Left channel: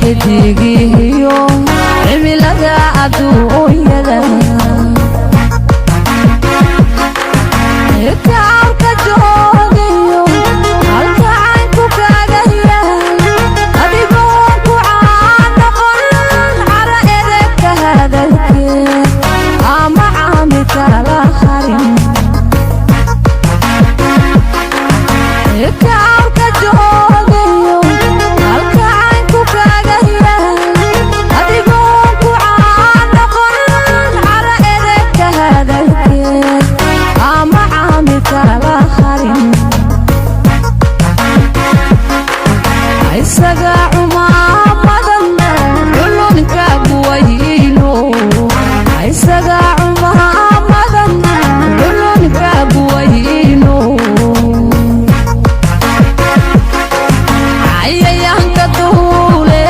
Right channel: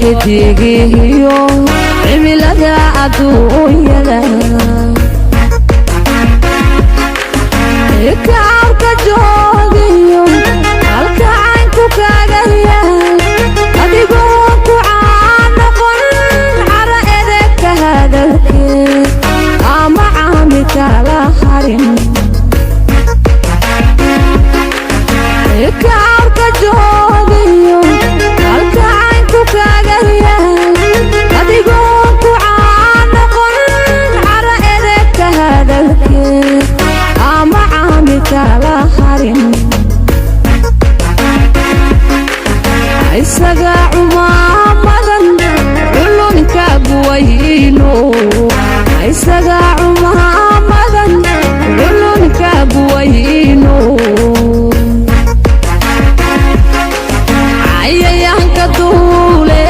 xidigihiyo cimilada adduunyada kaarka joogayo halka aan ku kaagaya adigoo ku caanoqon cara edebka hadalkeed ama caami kala harin kaarka joogayo halka aan ku kaagaya adigoo ku caanoqon cara edebka hadalkeed ama caami kala harin isaga cumaamadan culunka buwayno isaga cumaamadan culunka buwayno cayayaanka duule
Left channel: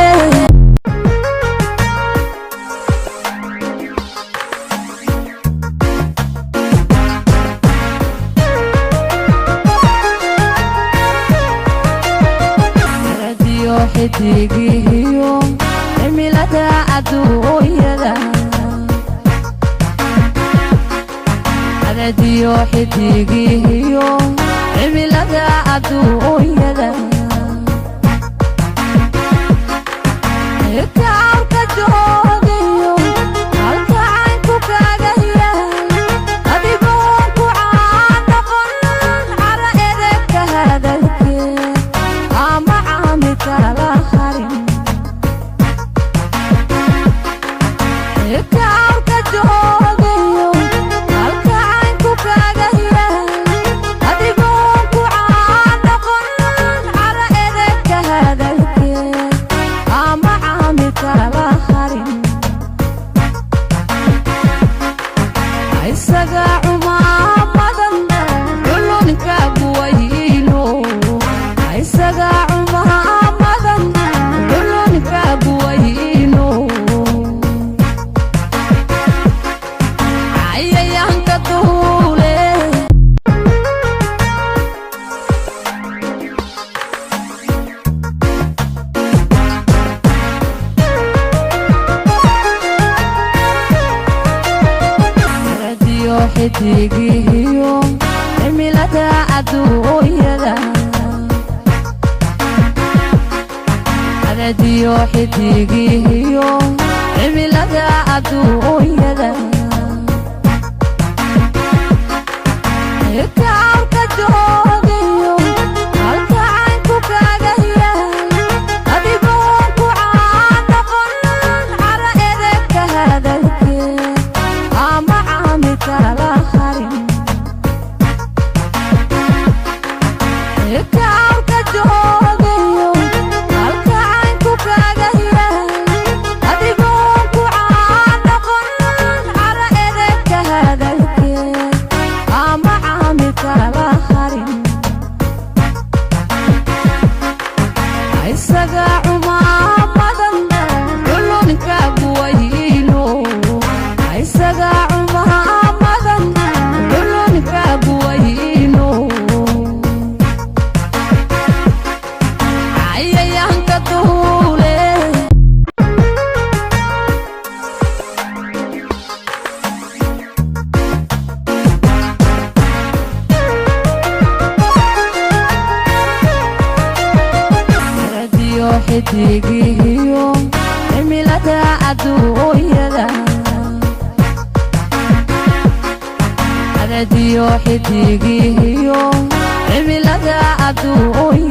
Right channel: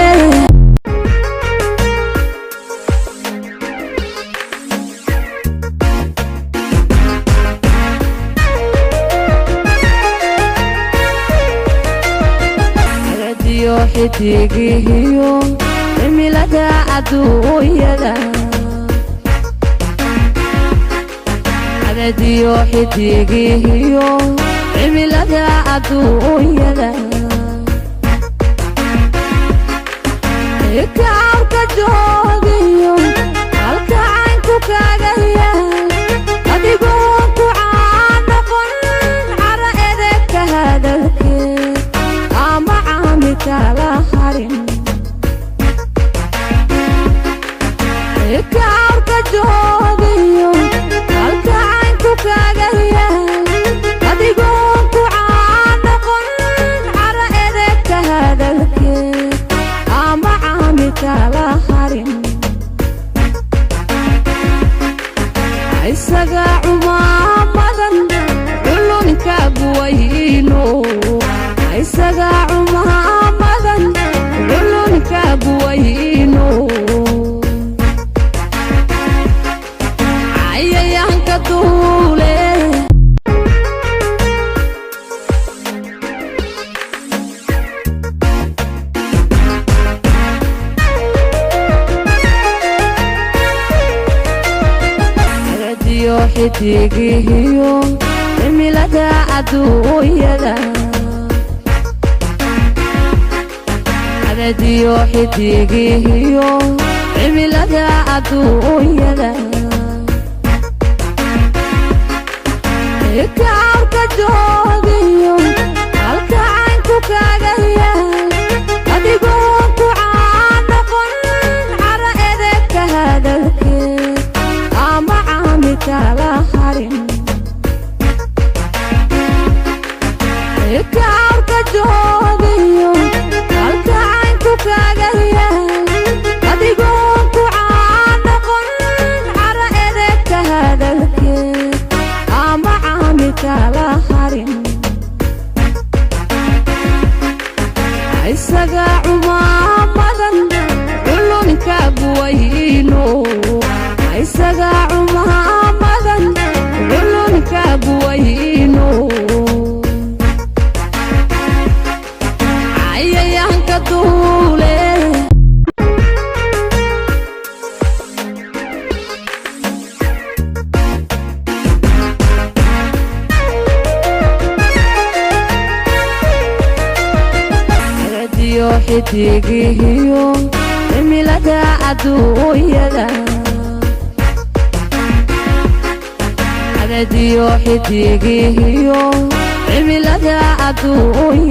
radiyo xidigihiyo cimilada adduunyada radiyo xidigihiyo cimilada adduunyada kaarka joogayo halka aan ku kaagaya adigoo ku caanoqon cara edebka hadalkeed ama caami kala harin kaarka joogayo halka aan ku kaagaya adigoo ku caanoqon cara edebka hadalkeed ama caami kala harin isaga cumaamadan culunka buwayno isaga cumaamadan culunka buwayno cayayaanka duule radiyo xidigihiyo cimilada adduunyada radiyo xidigihiyo cimilada adduunyada kaarka joogayo halka aan ku kaagaya adigoo ku caanoqon cara edebka hadalkeed ama caami kala harin kaarka joogayo halka aan ku kaagaya adigoo ku caanoqon cara edebka hadalkeed ama caami kala harin isaga cumaamadan culunka buwayno isaga cumaamadan culunka buwayno cayayaanka duule radiyo xidigihiyo cimilada adduunyada radiyo xidigihiyo cimilada adduunyada